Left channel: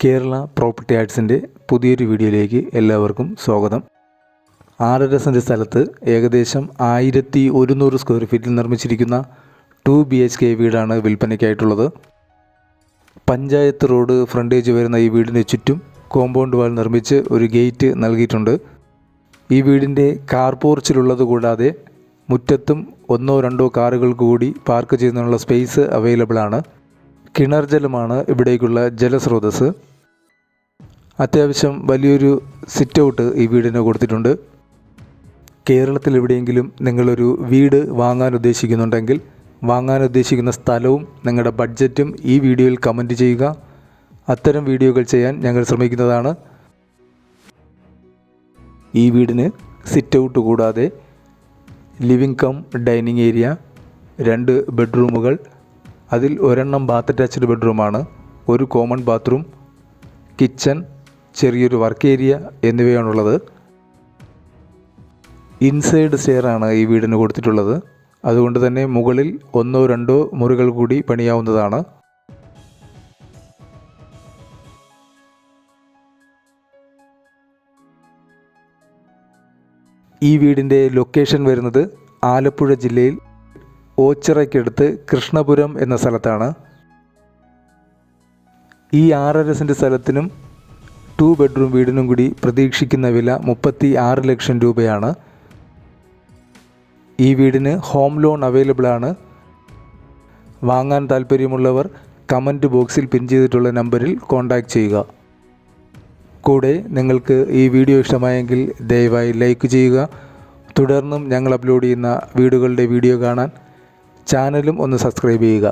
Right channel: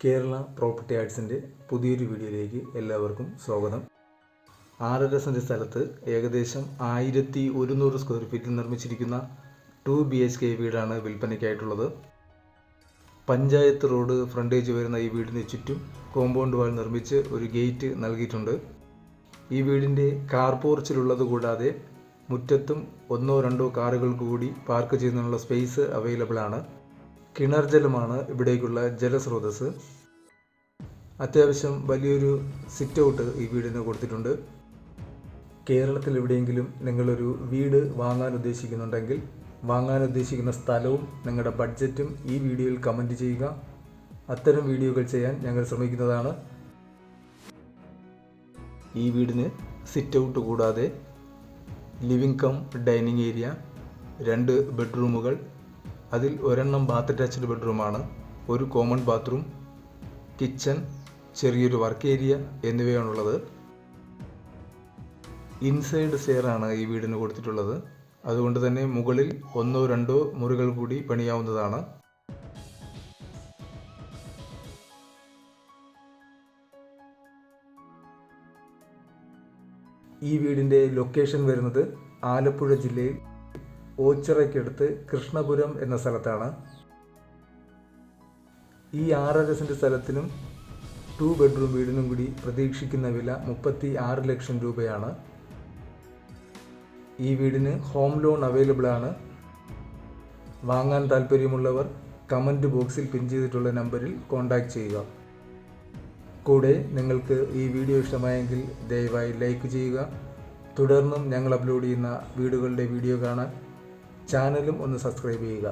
Kerala property ആർട്സിൻ്റെ പുതിയൊരു വീഡിയോയിലേക്ക് എല്ലാവർക്കും സ്വാഗതം. 6.5 സെൻറ്റ് സ്ഥലത്ത് ഏകദേശം 1100 സ്ക്വയർ ഫീറ്റിൽ നിർമ്മിച്ചിരിക്കുന്ന 2 BHK വീടാണ് വിൽപ്പനയ്ക്കായിട്ടുള്ളത്. പഞ്ചായത്ത് റോഡ് ഫ്രണ്ടേജ് വരുന്ന ഈ വീടിന് ചുറ്റും കോമ്പൗണ്ട് വാൾ നിർമ്മിച്ച് ഒരു ഗേറ്റ് നൽകിയിട്ടുണ്ട്. ഈ വീടിൻ്റെ കാർ പോർച്ചിലുള്ളത് കൂടാതെ മുറ്റത്തും 1-2 കാറുകൾ കൂടി പാർക്ക് ചെയ്യുന്നതിനുള്ള സ്പേസ് അവൈലബിൾ ആണ്. കിണർ ജലമാണ് ഇവിടേക്കുള്ള ജലസ്രോതസ്. അത്യാവശ്യം വലിയൊരു സിറ്റ് ഔട്ട് ഈ വീടിന് കൊടുത്തിട്ടുണ്ട്. കേരളത്തിൽ എവിടെയെങ്കിലും നിങ്ങളൊരു വീട് വാങ്ങാൻ ഉദ്ദേശിക്കുന്നുണ്ടെങ്കിൽ വാങ്ങാൻ ഉദ്ദേശിക്കുന്ന സ്ഥലവും നിങ്ങളുടെ ബഡ്ജറ്റും ഈ വീഡിയോയിൽ കമൻറ്റ് ചെയ്യുക. അത്തരം വീഡിയോകൾ ചെയ്യാൻ ഞങ്ങൾ ശ്രമിക്കുന്നതാണ്. ഈ വീടിന് സിറ്റ് ഔട്ട് കൂടാതെ ലിവിംഗ് കം ഡൈനിങ് ഏരിയ, 2 ബെഡ്റൂമുകൾ, അതിൽ ഒരെണ്ണം ബാത്ത് അറ്റാച്ച്ഡ് ബെഡ്റൂമാണ്, ഒരു കോമൺ ബാത്റൂം, കിച്ചൺ, ചെറിയൊരു വർക്ക് ഏരിയ എന്നിവയാണുള്ളത്. ഇൻസൈഡ് സ്റ്റെയറാണ് ഈ വീടിന് കൊടുത്തിട്ടുള്ളത്. അതുകൊണ്ട് തന്നെ മുകളിൽ 1-2 മുറികൾ കൂടി പണിയാവുന്നതാണ്. ഈ വീടിൻ്റെ ലൊക്കേഷൻ വരുന്നത് ആലപ്പുഴ ജില്ലയിൽ ഓച്ചിറയ്ക്കടുത്ത് കൃഷ്ണപുരം എന്ന സ്ഥലത്താണ്. ഈ 6.5 സെൻറ്റ് സ്ഥലത്തിനും 2 ബെഡ്റൂം വീടിനും കൂടി പ്രതീക്ഷിക്കുന്ന വില 36 ലക്ഷം രൂപയാണ്. ഈ വീടിന് ഹോം ലോൺ അവൈലബിൾ ആണ്. വാങ്ങാൻ താല്പര്യമുള്ളവർ കമൻറ്റ് ബോക്സിൽ പിൻ ചെയ്തിട്ടുള്ള നമ്പറിൽ കോൺടാക്റ്റ് ചെയ്യുക. കൂടെ നിങ്ങൾക്ക് ഈ വീഡിയോ ഇഷ്ടമായെങ്കിൽ ദയവായി ലൈക്ക് ചെയ്യുക. തുടർന്നും ഞങ്ങൾ അപ്ലോഡ് ചെയ്യുന്ന വീഡിയോകളുടെ വീഡിയോ കാണാൻ ചാനലും ഒന്ന് സബ്സ്ക്രൈബ് ചെയ്യുക.